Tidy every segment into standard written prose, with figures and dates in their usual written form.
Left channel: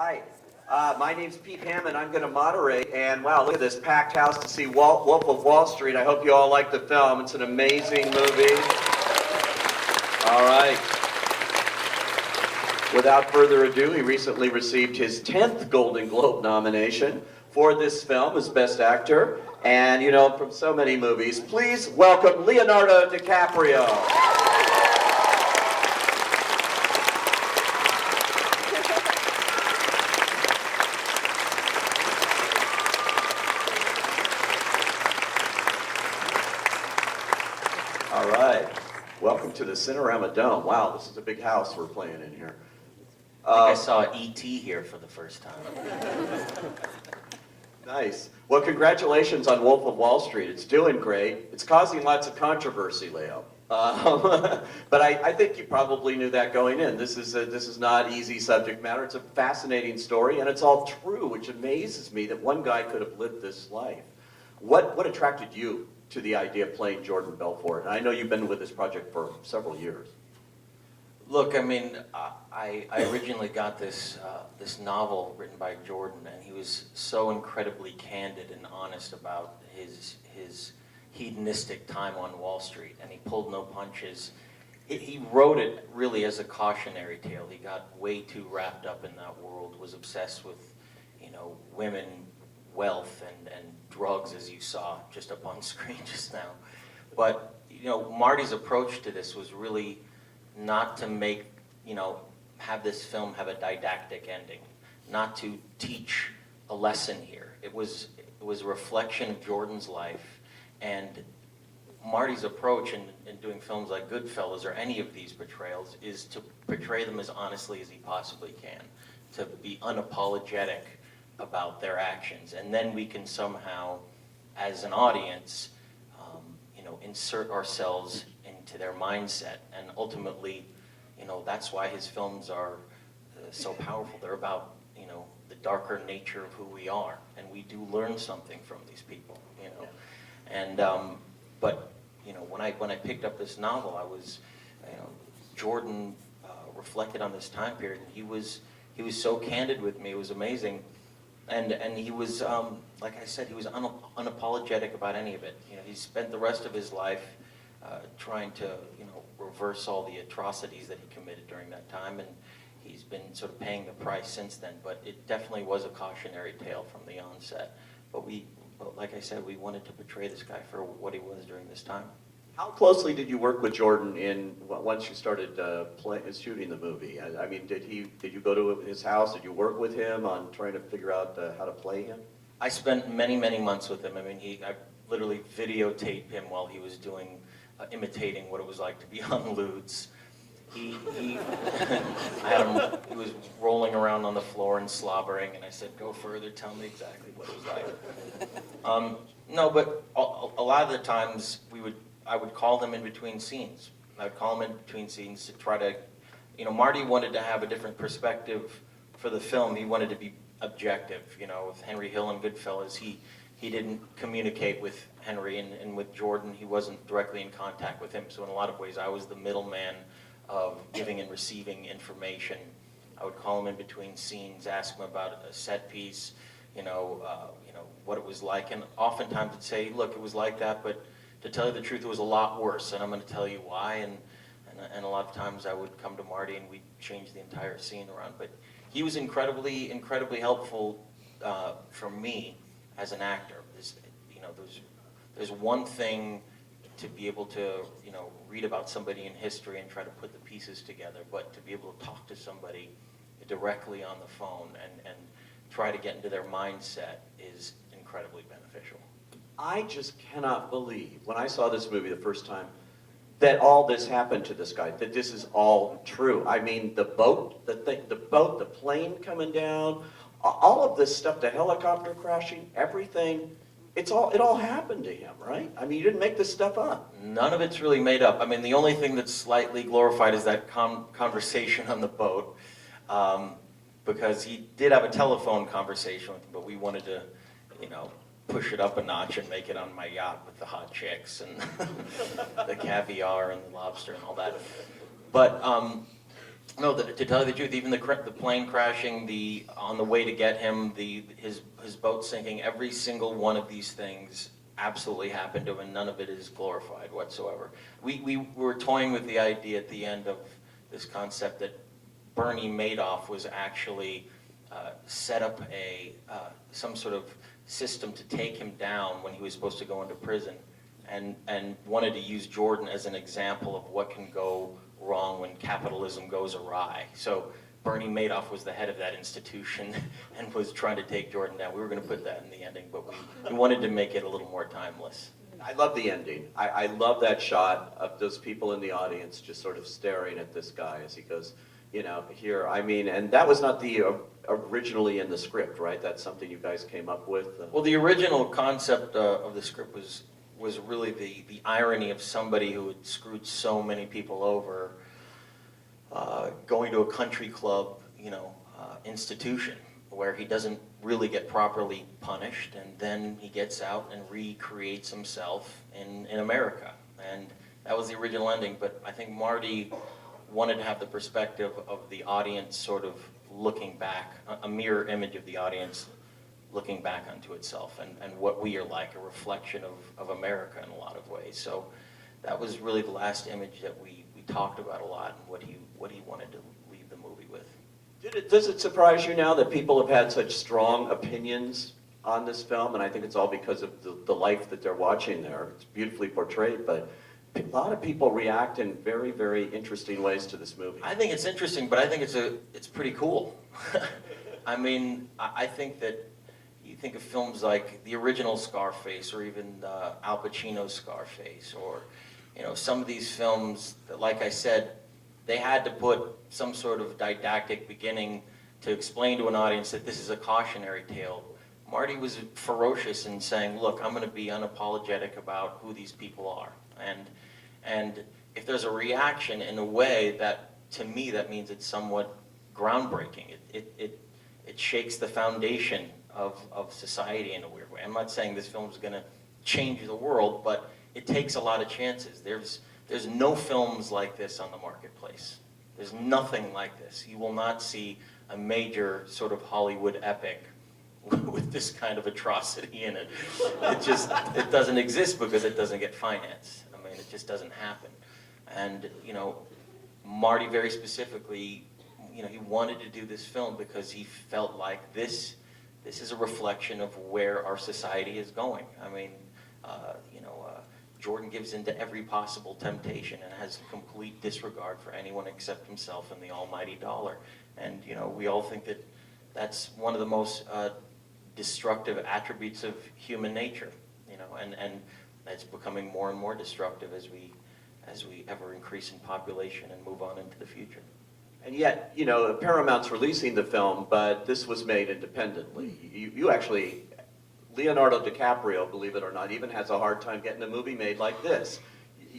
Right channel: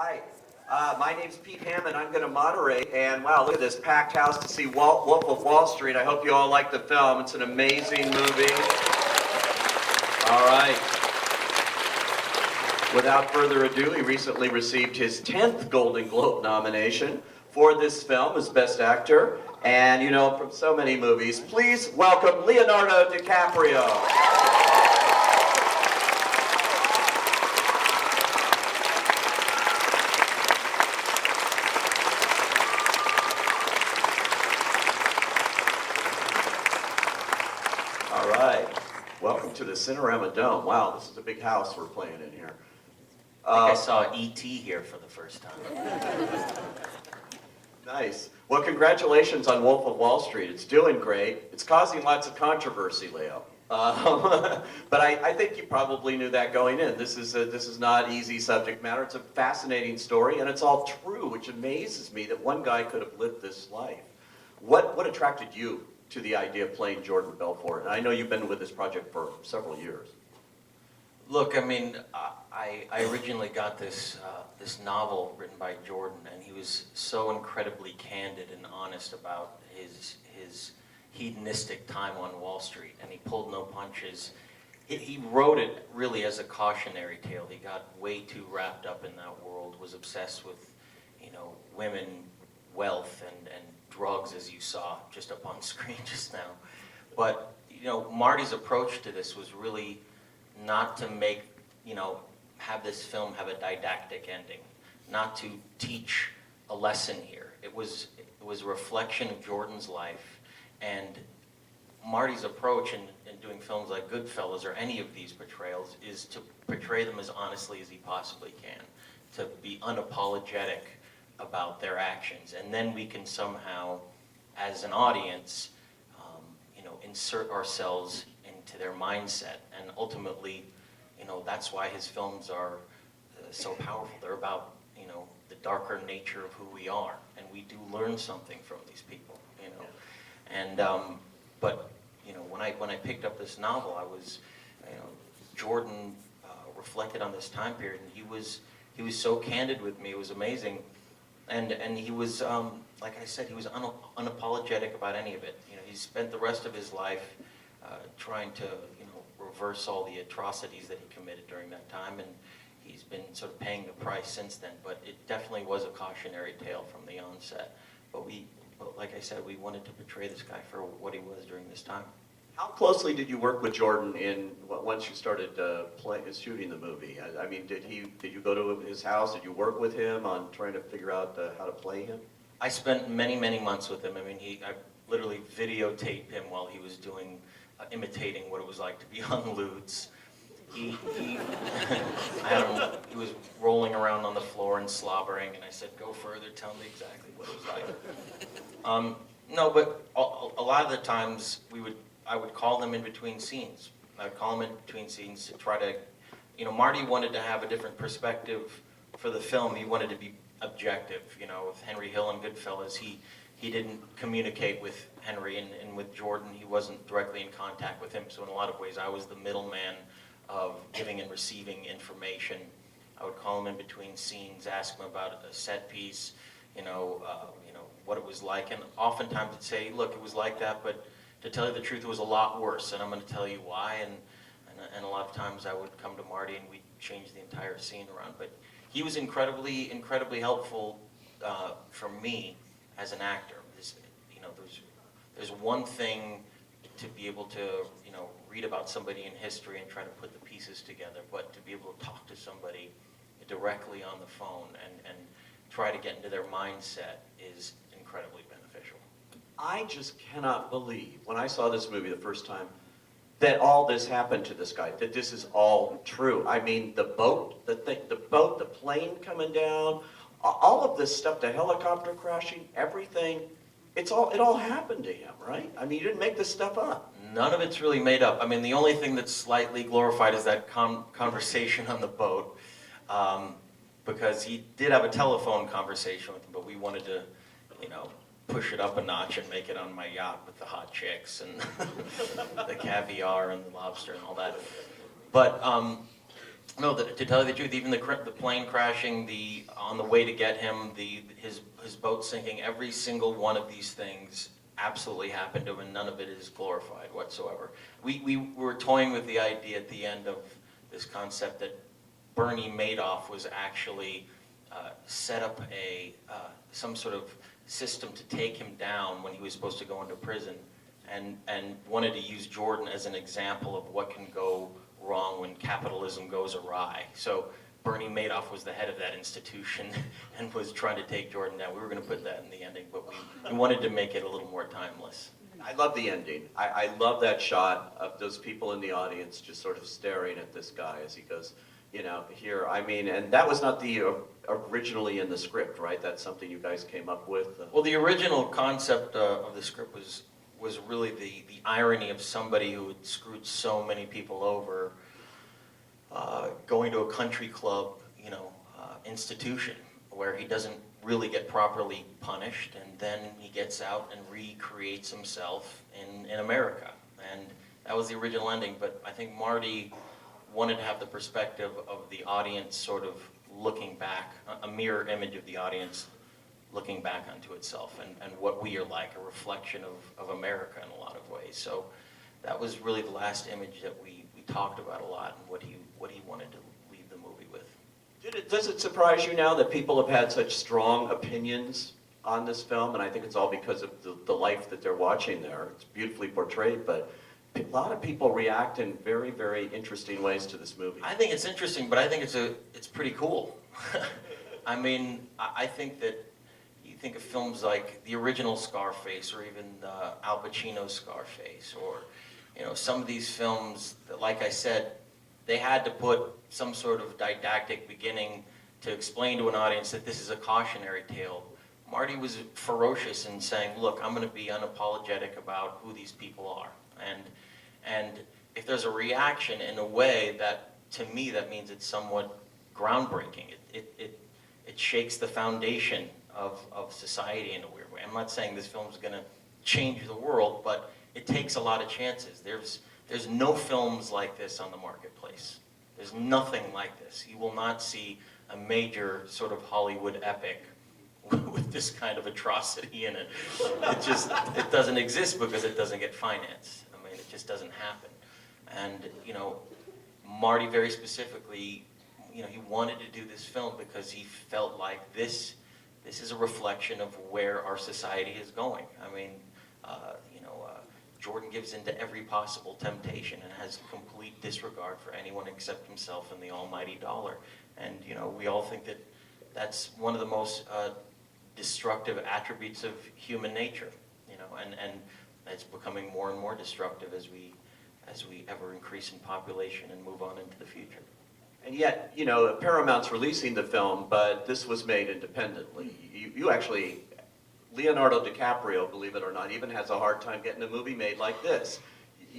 Hi, my name's Pete Hammond. I'm going to moderate, and wow, look at this packed house to see Wolf of Wall Street. I hope you all like the film. It's an amazing movie. All right. Without further ado, he recently received his 10th Golden Globe nomination for this film as Best Actor. And, you know, from so many movies, please welcome Leonardo DiCaprio. All right. Welcome to the Cinerama Dome. Wow, this is a big house we're playing in here. I think I saw E.T. here for the first time. Nice. Well, congratulations on Wolf of Wall Street. It's doing great. It's causing lots of controversy, Leo. But I think you probably knew that going in. This is not easy subject matter. It's a fascinating story, and it's all true, which amazes me that one guy could have lived this life. What attracted you to the idea of playing Jordan Belfort? And I know you've been with this project for several years. Look, I mean, I originally got this novel written by Jordan, and he was so incredibly candid and honest about his hedonistic time on Wall Street, and he pulled no punches. He wrote it really as a cautionary tale. He got way too wrapped up in that world, was obsessed with, you know, women, wealth, and drugs, as you saw just up on screen just now. But, you know, Marty's approach to this was really not to make, you know, have this film have a didactic ending, not to teach a lesson here. It was a reflection of Jordan's life, and Marty's approach in doing films like Goodfellas or any of these portrayals is to portray them as honestly as he possibly can, to be unapologetic about their actions, and then we can somehow, as an audience, you know, insert ourselves into their mindset, and ultimately, you know, that's why his films are so powerful. They're about, you know, the darker nature of who we are, and we do learn something from these people, you know. And but you know, when I picked up this novel, I was, you know, Jordan reflected on this time period, and he was so candid with me. It was amazing. And he was, like I said, he was unapologetic about any of it. You know, he spent the rest of his life trying to, you know, reverse all the atrocities that he committed during that time, and he's been sort of paying the price since then. But it definitely was a cautionary tale from the onset. But like I said, we wanted to portray this guy for what he was during this time. How closely did you work with Jordan once you started shooting the movie? I mean, did you go to his house? Did you work with him on trying to figure out how to play him? I spent many months with him. I mean, I literally videotaped him while he was doing imitating what it was like to be on lewds. He was rolling around on the floor and slobbering, and I said, "Go further, tell me exactly what it was like." No, but a lot of the times I would call him in between scenes. I would call him in between scenes to try to, you know, Marty wanted to have a different perspective for the film. He wanted to be objective. You know, with Henry Hill and Goodfellas, he didn't communicate with Henry, and with Jordan, he wasn't directly in contact with him. So in a lot of ways, I was the middleman of giving and receiving information. I would call him in between scenes, ask him about a set piece, you know, what it was like, and oftentimes he'd say, "Look, it was like that, but to tell you the truth, it was a lot worse, and I'm going to tell you why." And a lot of times I would come to Marty and we'd change the entire scene around. But he was incredibly helpful for me as an actor. You know, there's one thing to be able to, you know, read about somebody in history and try to put the pieces together, but to be able to talk to somebody directly on the phone and try to get into their mindset is incredibly beneficial. I just cannot believe, when I saw this movie the first time, that all this happened to this guy, that this is all true. I mean, the boat, the plane coming down, all of this stuff, the helicopter crashing, everything, it all happened to him, right? I mean, you didn't make this stuff up. None of it's really made up. I mean, the only thing that's slightly glorified is that conversation on the boat, because he did have a telephone conversation with him, but we wanted to, you know, push it up a notch and make it on my yacht with the hot chicks and the caviar and the lobster and all that. But No, to tell you the truth, even the plane crashing, on the way to get him, his boat sinking, every single one of these things absolutely happened to him, and none of it is glorified whatsoever. We were toying with the idea at the end of this concept that Bernie Madoff was actually set up some sort of system to take him down when he was supposed to go into prison, and wanted to use Jordan as an example of what can go wrong when capitalism goes awry. So Bernie Madoff was the head of that institution and was trying to take Jordan down. We were going to put that in the ending, but we wanted to make it a little more timeless. I love the ending. I love that shot of those people in the audience just sort of staring at this guy as he goes, here. I mean, and that was not originally in the script, right? That's something you guys came up with? Well, the original concept of the script was really the irony of somebody who had screwed so many people over, going to a country club, institution where he doesn't really get properly punished, and then he gets out and recreates himself in America. And that was the original ending, but I think Marty wanted to have the perspective of the audience sort of looking back, a mirror image of the audience looking back onto itself and what we are like, a reflection of America in a lot of ways. So that was really the last image that we talked about a lot, and what he wanted to leave the movie with. Does it surprise you now that people have had such strong opinions on this film? And I think it's all because of the life that they're watching there. It's beautifully portrayed, but a lot of people react in very, very interesting ways to this movie. I think it's interesting, but I think it's pretty cool. I mean, I think that you think of films like the original Scarface, or even Al Pacino's Scarface, or some of these films that, like I said, they had to put some sort of didactic beginning to explain to an audience that this is a cautionary tale. Marty was ferocious in saying, look, I'm going to be unapologetic about who these people are. And if there's a reaction in a way that, to me, that means it's somewhat groundbreaking. It shakes the foundation of society in a weird way. I'm not saying this film is going to change the world, but it takes a lot of chances. There's no films like this on the marketplace. There's nothing like this. You will not see a major sort of Hollywood epic with this kind of atrocity in it. It doesn't exist because it doesn't get financed. I mean, it just doesn't happen. And, Marty very specifically, he wanted to do this film because he felt like this is a reflection of where our society is going. I mean, Jordan gives into every possible temptation and has complete disregard for anyone except himself and the almighty dollar. And, we all think that that's one of the most destructive attributes of human nature, and it's becoming more and more destructive as we ever increase in population and move on into the future. And yet, Paramount's releasing the film, but this was made independently. You actually, Leonardo DiCaprio, believe it or not, even has a hard time getting a movie made like this,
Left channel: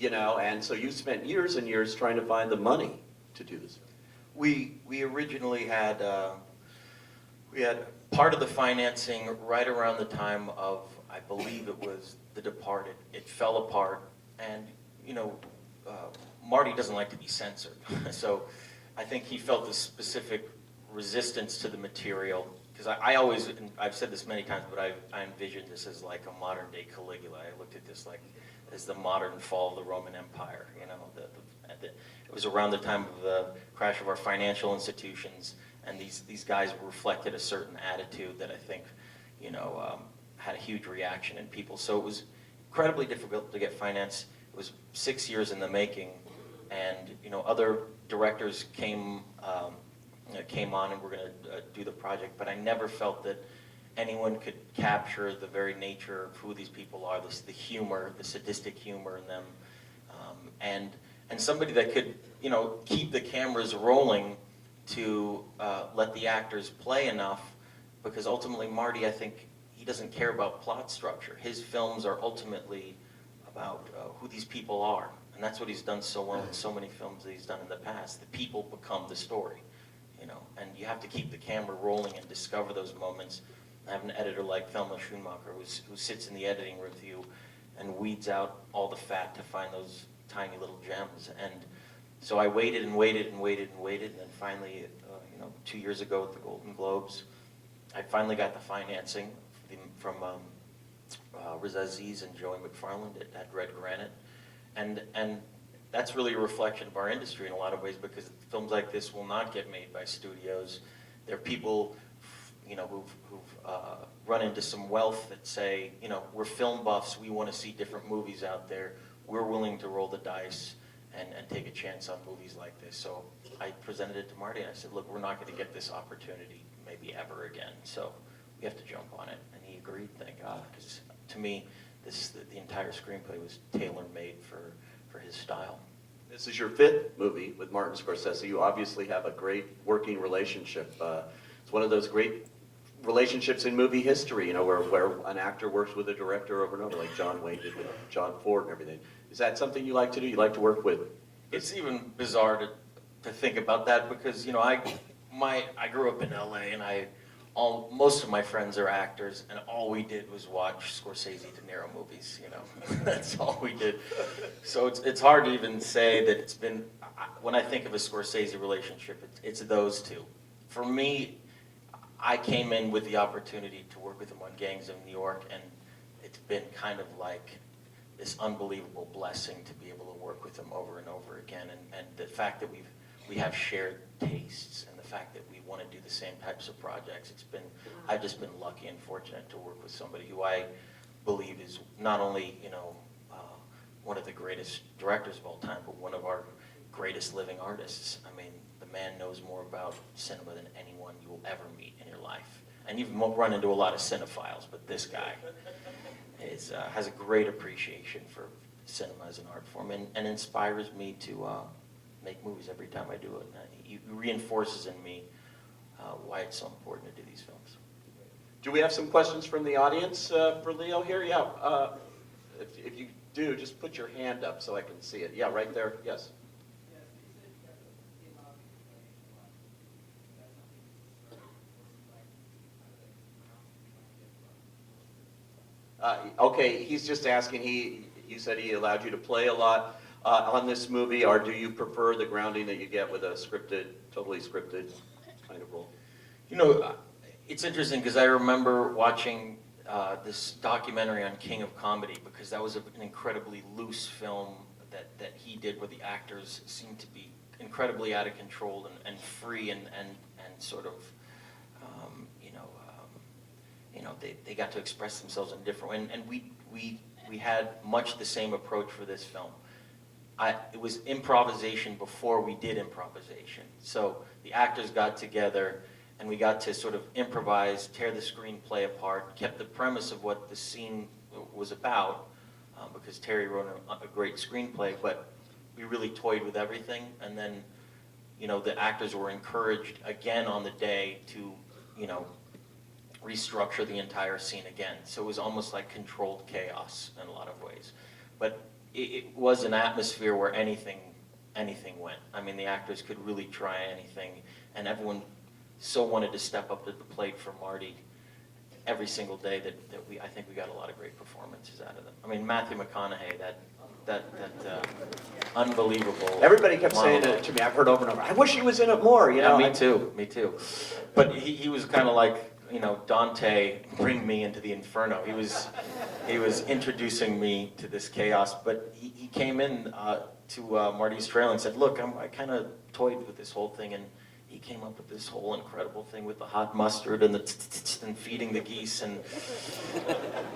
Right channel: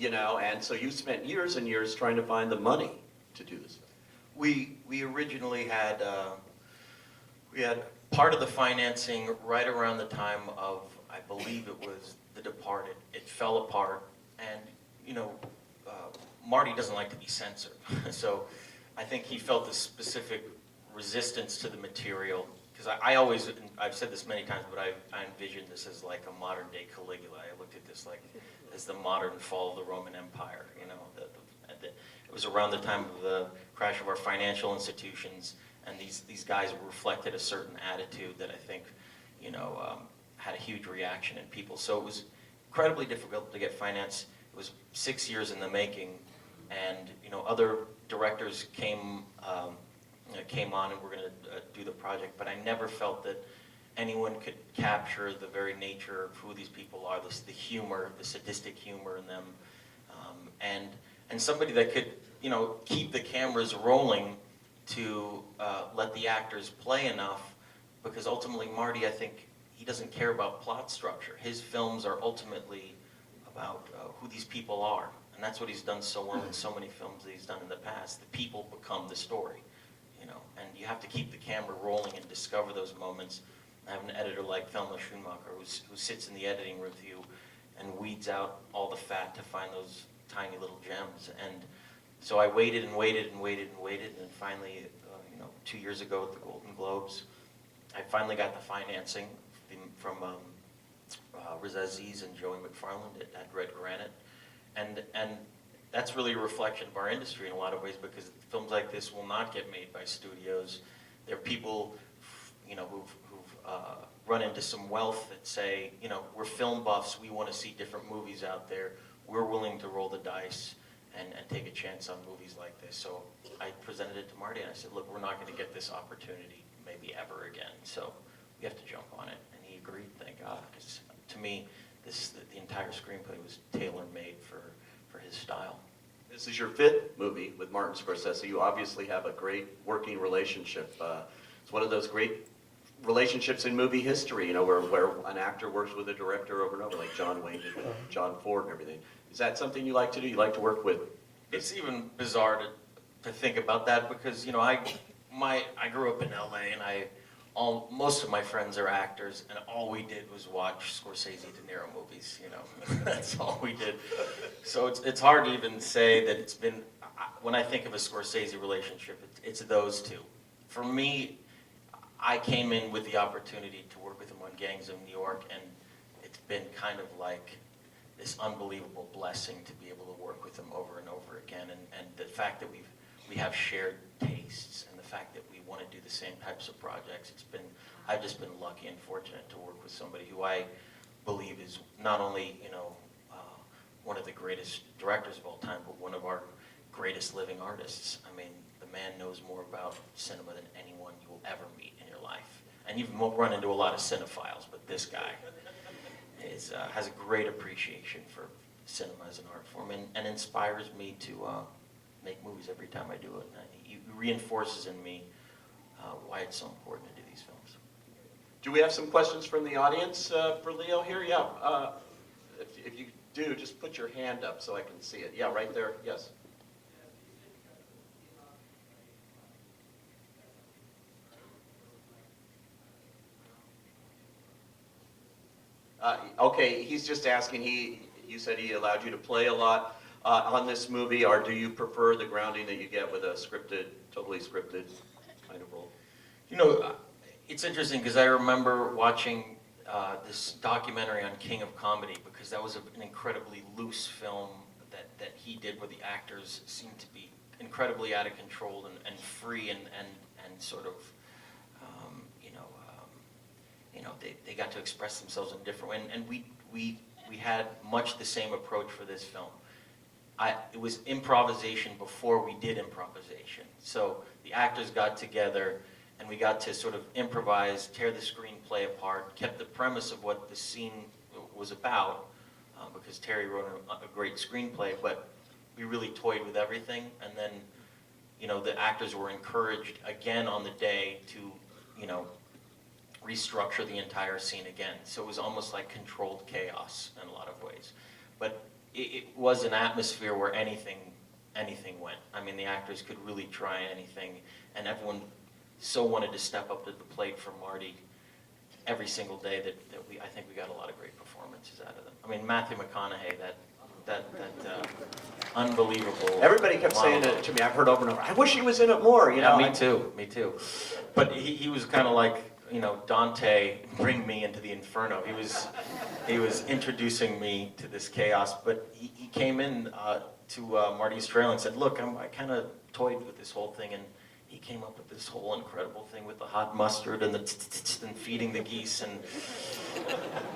and so you spent years and years trying to find the money to do this. We originally had part of the financing right around the time of, I believe it was The Departed. It fell apart, and Marty doesn't like to be censored, so I think he felt a specific resistance to the material, because I've said this many times, but I envisioned this as like a modern day Caligula. I looked at this like as the modern fall of the Roman Empire. It was around the time of the crash of our financial institutions, and these guys reflected a certain attitude that I think had a huge reaction in people. So it was incredibly difficult to get finance. It was 6 years in the making, and other directors came on and were going to do the project, but I never felt that anyone could capture the very nature of who these people are, the humor, the sadistic humor in them, and somebody that could keep the cameras rolling to let the actors play enough, because ultimately Marty, I think, he doesn't care about plot structure. His films are ultimately about who these people are, and that's what he's done so well in so many films that he's done in the past. The people become the story, and you have to keep the camera rolling and discover those moments. I have an editor like Thelma Schumacher who sits in the editing room with you and weeds out all the fat to find those tiny little gems. And So I waited and waited and waited and waited, and then finally, 2 years ago at the Golden Globes, I finally got the financing from Riz Aziz and Joey McFarland at Red Granite, and that's really a reflection of our industry in a lot of ways, because films like this will not get made by studios. There are people, who've run into some wealth that say, we're film buffs, we want to see different movies out there. We're willing to roll the dice and take a chance on movies like this. So I presented it to Marty, and I said, look, we're not going to get this opportunity maybe ever again. So we have to jump on it. And he agreed, thank God, because to me, the entire screenplay was tailor-made for his style. This is your fifth movie with Martin Scorsese. You obviously have a great working relationship. It's one of those great relationships in movie history, where an actor works with a director over and over, like John Wayne did with John Ford and everything. Is that something you like to do? You like to work with? It's even bizarre to think about that, because I grew up in LA, and most of my friends are actors, and all we did was watch Scorsese De Niro movies. That's all we did. So it's hard to even say that it's been. When I think of a Scorsese relationship, it's those two. For me, I came in with the opportunity to work with him on Gangs of New York, and it's been kind of like this unbelievable blessing to be able to work with him over and over again, and the fact that we have shared tastes, and the fact that we want to do the same types of projects. I've just been lucky and fortunate to work with somebody who I believe is not only one of the greatest directors of all time, but one of our greatest living artists. I mean, the man knows more about cinema than anyone you will ever meet in your life. And you've run into a lot of cinephiles, but this guy has a great appreciation for cinema as an art form, and inspires me to make movies every time I do it. And he reinforces in me why it's so important to do these films. Do we have some questions from the audience for Leo here? Yeah. If you do, just put your hand up so I can see it. Yeah, right there. Yes. Okay, he's just asking. You said he allowed you to play a lot on this movie, or do you prefer the grounding that you get with a totally scripted kind of role? It's interesting, because I remember watching this documentary on King of Comedy, because that was an incredibly loose film that he did, where the actors seemed to be incredibly out of control and free and sort of they got to express themselves in different ways. And we had much the same approach for this film. It was improvisation before we did improvisation. So the actors got together, and we got to sort of improvise, tear the screenplay apart, kept the premise of what the scene was about, because Terry wrote a great screenplay, but we really toyed with everything. And then, the actors were encouraged again on the day to, restructure the entire scene again. So it was almost like controlled chaos in a lot of ways. But it was an atmosphere where anything went. I mean, the actors could really try anything, and everyone so wanted to step up to the plate for Marty every single day that I think we got a lot of great performances out of them. I mean, Matthew McConaughey, that unbelievable. Everybody kept saying it to me. I've heard over and over. I wish he was in it more. Yeah, me too. But he was kind of like, Dante, bring me into the inferno. He was introducing me to this chaos. But he came in to Marty's trailer and said, "Look, I kind of toyed with this whole thing," and he came up with this whole incredible thing with the hot mustard and and feeding the geese, and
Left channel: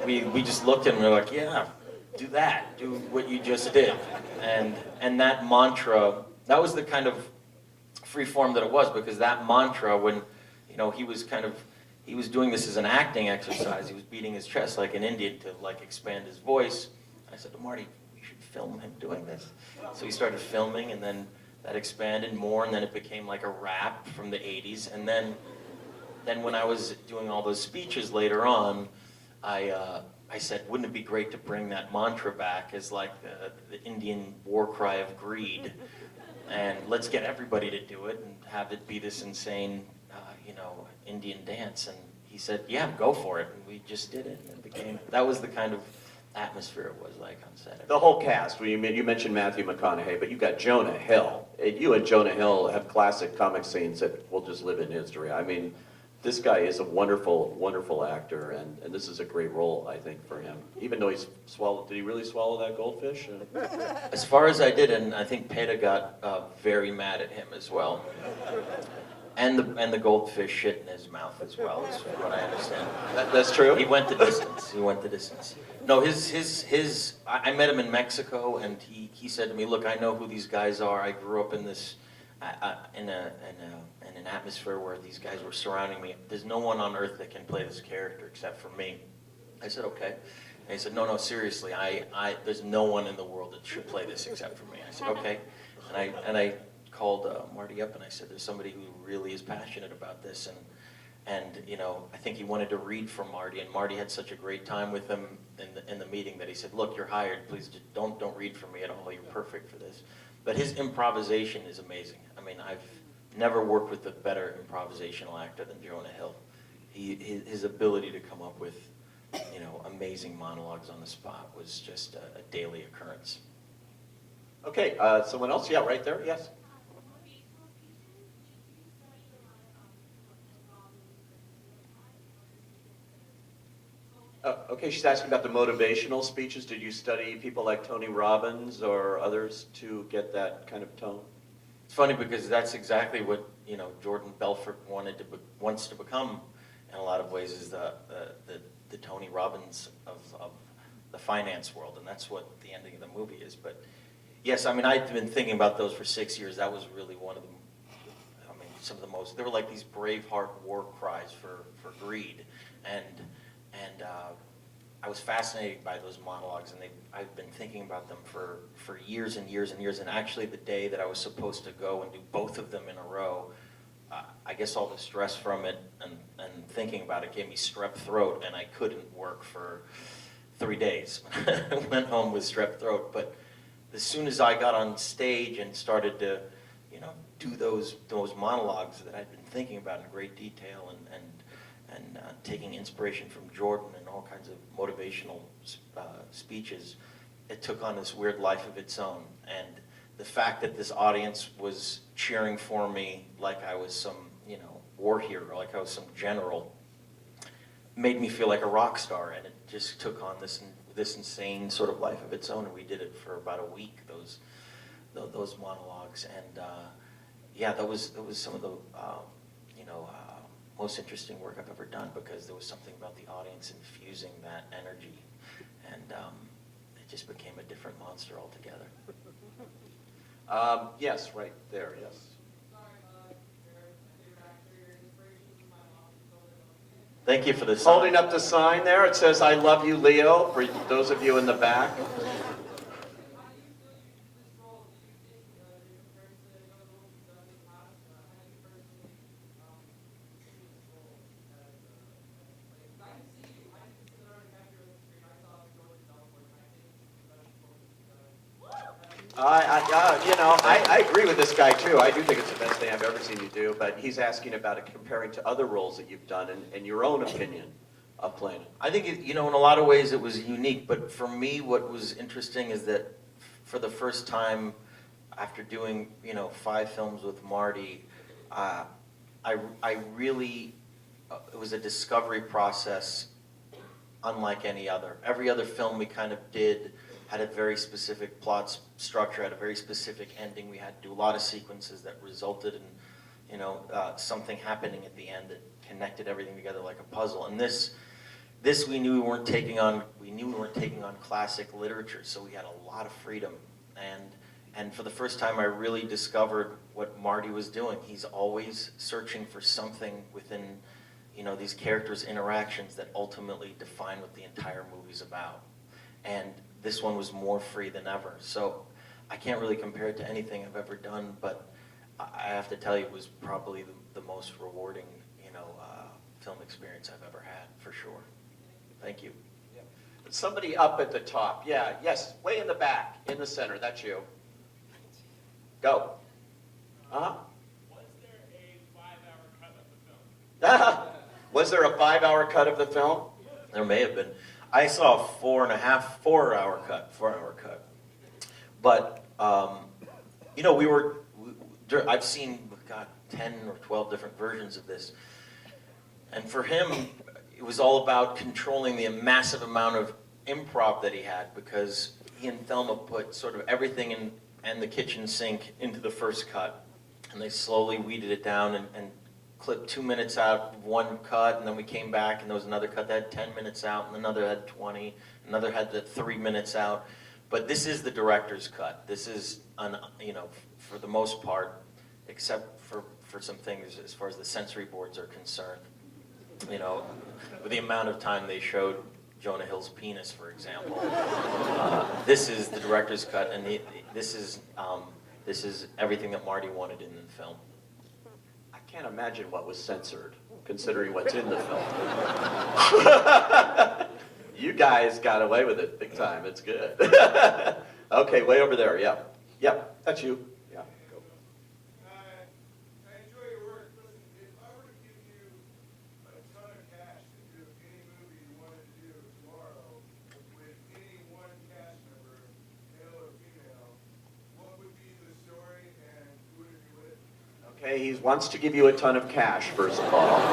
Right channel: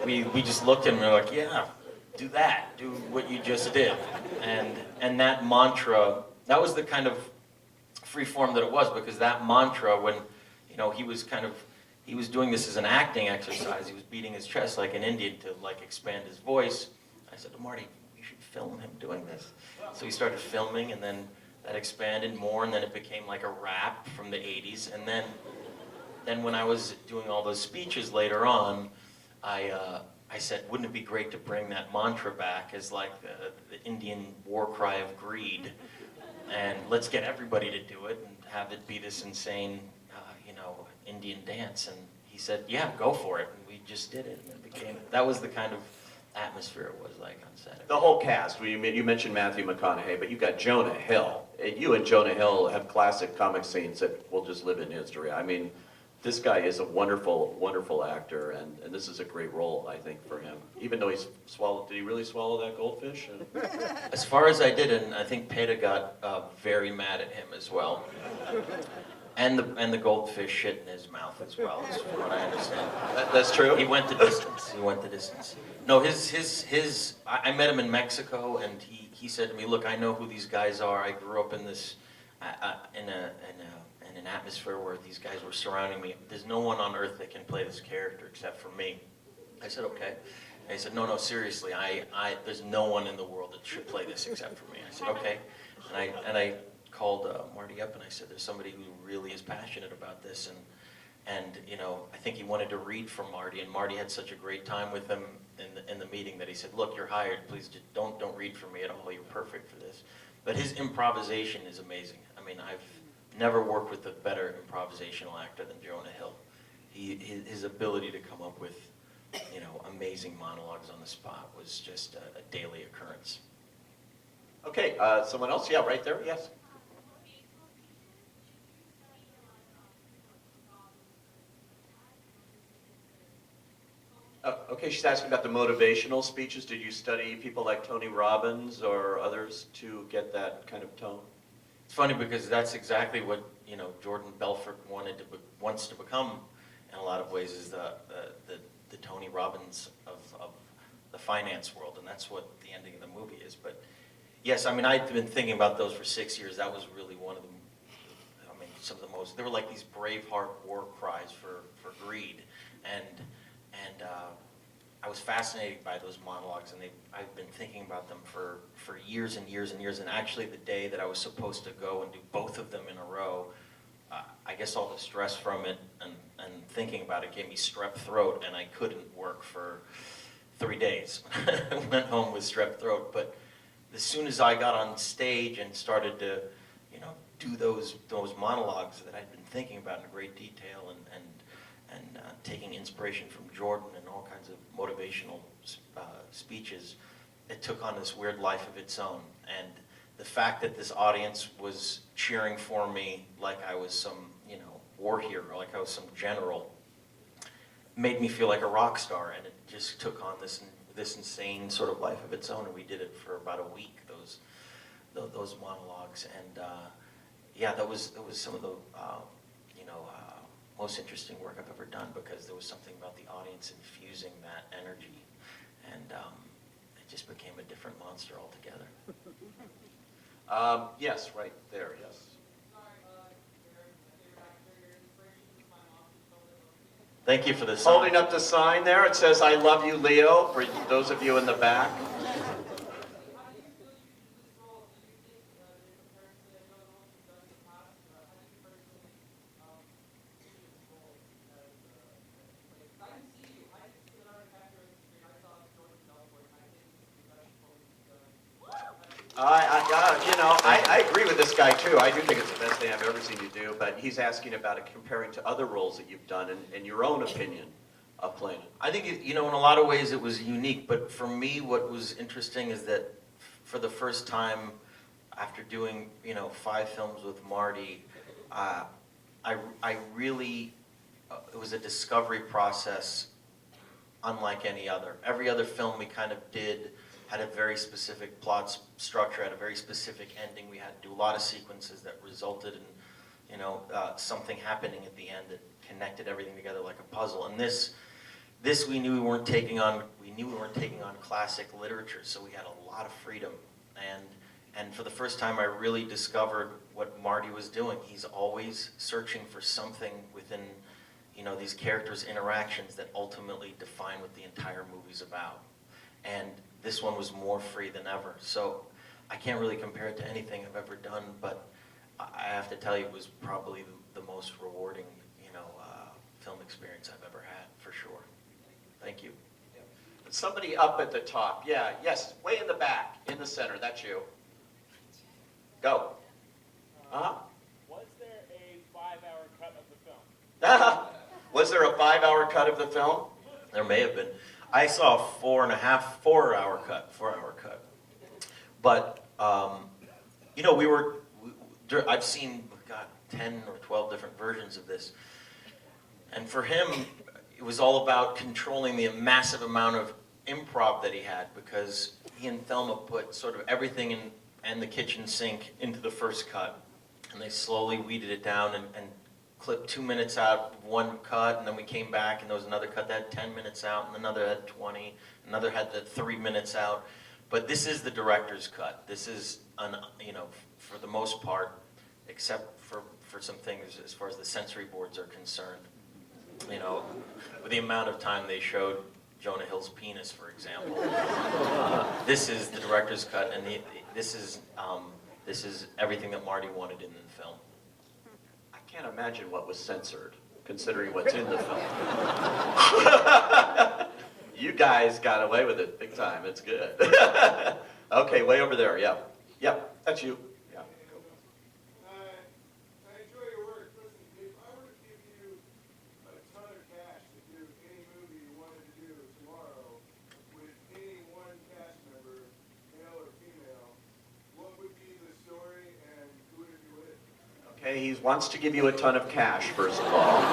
we just looked at him and we were like, "Yeah, do that. Do what you just did." And that mantra, that was the kind of free form that it was, because that mantra, when he was doing this as an acting exercise. He was beating his chest like an Indian to expand his voice. I said to Marty, "We should film him doing this." So he started filming, and then that expanded more, and then it became like a rap from the 80s. And then when I was doing all those speeches later on, I said, wouldn't it be great to bring that mantra back as like the Indian war cry of greed, and let's get everybody to do it and have it be this insane, Indian dance. And he said, "Yeah, go for it." And we just did it, and that was the kind of atmosphere it was like on set. The whole cast. You mentioned Matthew McConaughey, but you got Jonah Hill. You and Jonah Hill have classic comic scenes that will just live in history. I mean, this guy is a wonderful, wonderful actor, and this is a great role, I think, for him. Even though he's swallowed, did he really swallow that goldfish? As far as I did, and I think Peter got very mad at him as well. And the goldfish shit in his mouth as well, is what I understand. That's true? He went the distance. He went the distance. No, I met him in Mexico, and he said to me, look, I know who these guys are. I grew up in this, in an atmosphere where these guys were surrounding me. There's no one on earth that can play this character except for me. I said, okay. And he said, no, seriously, there's no one in the world that should play this except for me. I said, okay. And I called Marty up and I said, there's somebody who really is passionate about this, and you know, I think he wanted to read from Marty, and Marty had such a great time with him in the meeting that he said, look, you're hired, please don't read from me at all, you're perfect for this. But his improvisation is amazing. I mean, I've never worked with a better improvisational actor than Jonah Hill. His ability to come up with, you know, amazing monologues on the spot was just a daily occurrence. Okay, someone else? Yeah, right there, yes. Okay, she's asking about the motivational speeches. Did you study people like Tony Robbins or others to get that kind of tone? It's funny because that's exactly what, you know, Jordan Belfort wants to become in a lot of ways, is the Tony Robbins of the finance world, and that's what the ending of the movie is. But yes, I mean, I've been thinking about those for 6 years. That was really one of them. I mean, some of the most, they were like these Braveheart war cries for greed, and I was fascinated by those monologues, and I've been thinking about them for years and years and years. And actually, the day that I was supposed to go and do both of them in a row, I guess all the stress from it and thinking about it gave me strep throat, and I couldn't work for 3 days. I went home with strep throat. But as soon as I got on stage and started to, you know, do those monologues that I'd been thinking about in great detail, and taking inspiration from Jordan and all kinds of motivational speeches, it took on this weird life of its own. And the fact that this audience was cheering for me like I was some, you know, war hero, like I was some general, made me feel like a rock star. And it just took on this insane sort of life of its own. And we did it for about a week, those monologues. And yeah, that was some of the most interesting work I've ever done, because there was something about the audience infusing that energy, and it just became a different monster altogether. Yes, right there, yes. Thank you for the sign. Holding up the sign there, it says, I love you, Leo, for those of you in the back. I agree with this guy too. I do think it's the best thing I've ever seen you do, but he's asking about it comparing to other roles that you've done and your own opinion of playing. I think, you know, in a lot of ways it was unique, but for me what was interesting is that for the first time after doing, you know, 5 films with Marty, I really, it was a discovery process unlike any other. Every other film we kind of did had a very specific plot structure, had a very specific ending. We had to do a lot of sequences that resulted in, you know, something happening at the end that connected everything together like a puzzle. And this we knew we weren't taking on. We knew we weren't taking on classic literature, so we had a lot of freedom. And for the first time, I really discovered what Marty was doing. He's always searching for something within, you know, these characters' interactions that ultimately define what the entire movie's about. And this one was more free than ever. So I can't really compare it to anything I've ever done, but I have to tell you, it was probably the most rewarding, you know, film experience I've ever had, for sure. Thank you. Somebody up at the top. Yeah, yes, way in the back, in the center. That's you. Go. Uh-huh. Was there a 5-hour cut of the film? Was there a 5-hour cut of the film? There may have been. I saw a 4 hour cut. But, you know, I've seen, God, 10 or 12 different versions of this. And for him, it was all about controlling the massive amount of improv that he had, because he and Thelma put sort of everything and the kitchen sink into the first cut. And they slowly weeded it down and clipped 2 minutes out of one cut, and then we came back and there was another cut that had 10 minutes out, and another had 20, another had the 3 minutes out. But this is the director's cut. This is, you know, for the most part, except for some things as far as the sensory boards are concerned. You know, with the amount of time they showed Jonah Hill's penis, for example. This is the director's cut, and this is everything that Marty wanted in the film. I can't imagine what was censored, considering what's in the film. You guys got away with it big time. It's good. Okay, way over there. Yeah. Yep, that's you. Yeah. Go. I enjoy your work. Listen, if I were to give you a ton of cash to do any movie you wanted to do tomorrow with any one cast member, male or female, what would be the story and who would it be with? Okay, he wants to give you a ton of cash, first of all.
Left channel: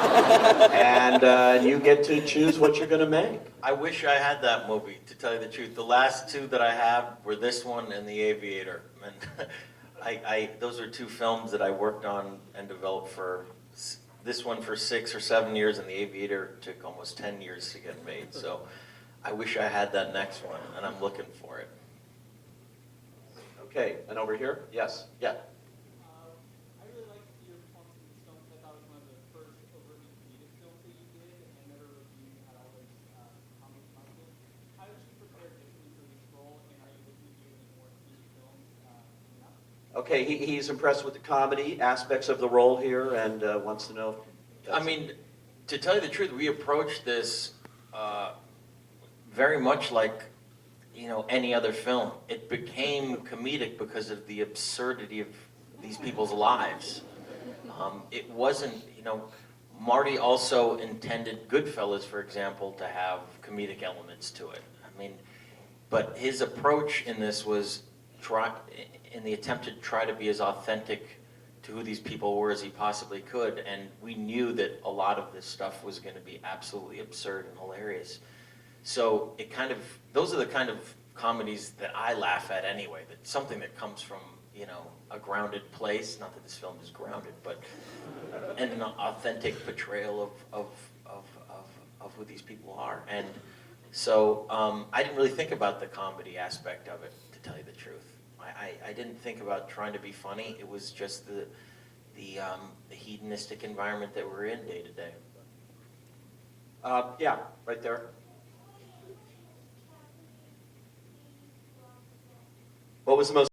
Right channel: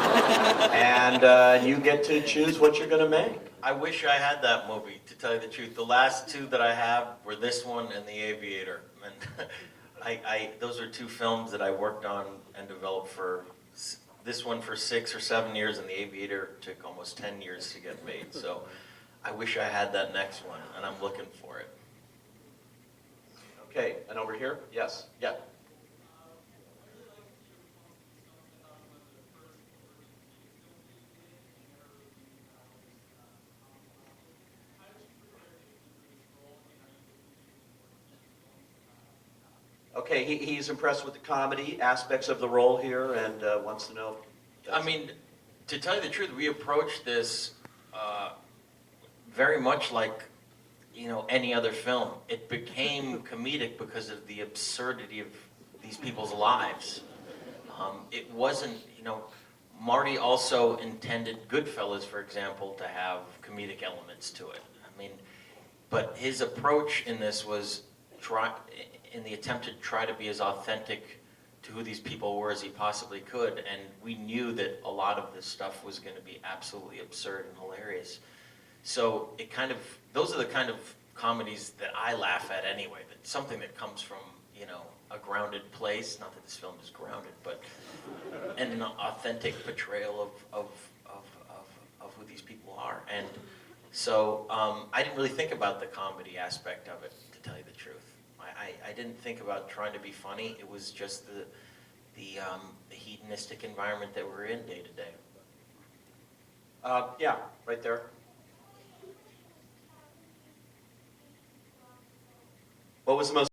And you get to choose what you're going to make. I wish I had that movie, to tell you the truth. The last two that I have were this one and The Aviator. And those are two films that I worked on and developed this one for 6 or 7 years, and The Aviator took almost 10 years to get made. So I wish I had that next one, and I'm looking for it. Okay, and over here? Yes. Yeah. I really like to see your response to this film, because I thought it was one of the first overtly comedic films that you did, and never really had all this comic content. How did you prepare physically for this role, and are you looking to do any more comedic films now? Okay, he's impressed with the comedy aspects of the role here and wants to know. I mean, to tell you the truth, we approached this very much like, you know, any other film. It became comedic because of the absurdity of these people's lives. It wasn't, you know, Marty also intended Goodfellas, for example, to have comedic elements to it. I mean, but his approach in this was in the attempt to try to be as authentic to who these people were as he possibly could, and we knew that a lot of this stuff was going to be absolutely absurd and hilarious. So it kind of, those are the kind of comedies that I laugh at anyway, that something that comes from, you know, a grounded place, not that this film is grounded, but and an authentic portrayal of who these people are. And so I didn't really think about the comedy aspect of it, to tell you the truth. I didn't think about trying to be funny. It was just the hedonistic environment that we're in day to day. Yeah, right there. What was the most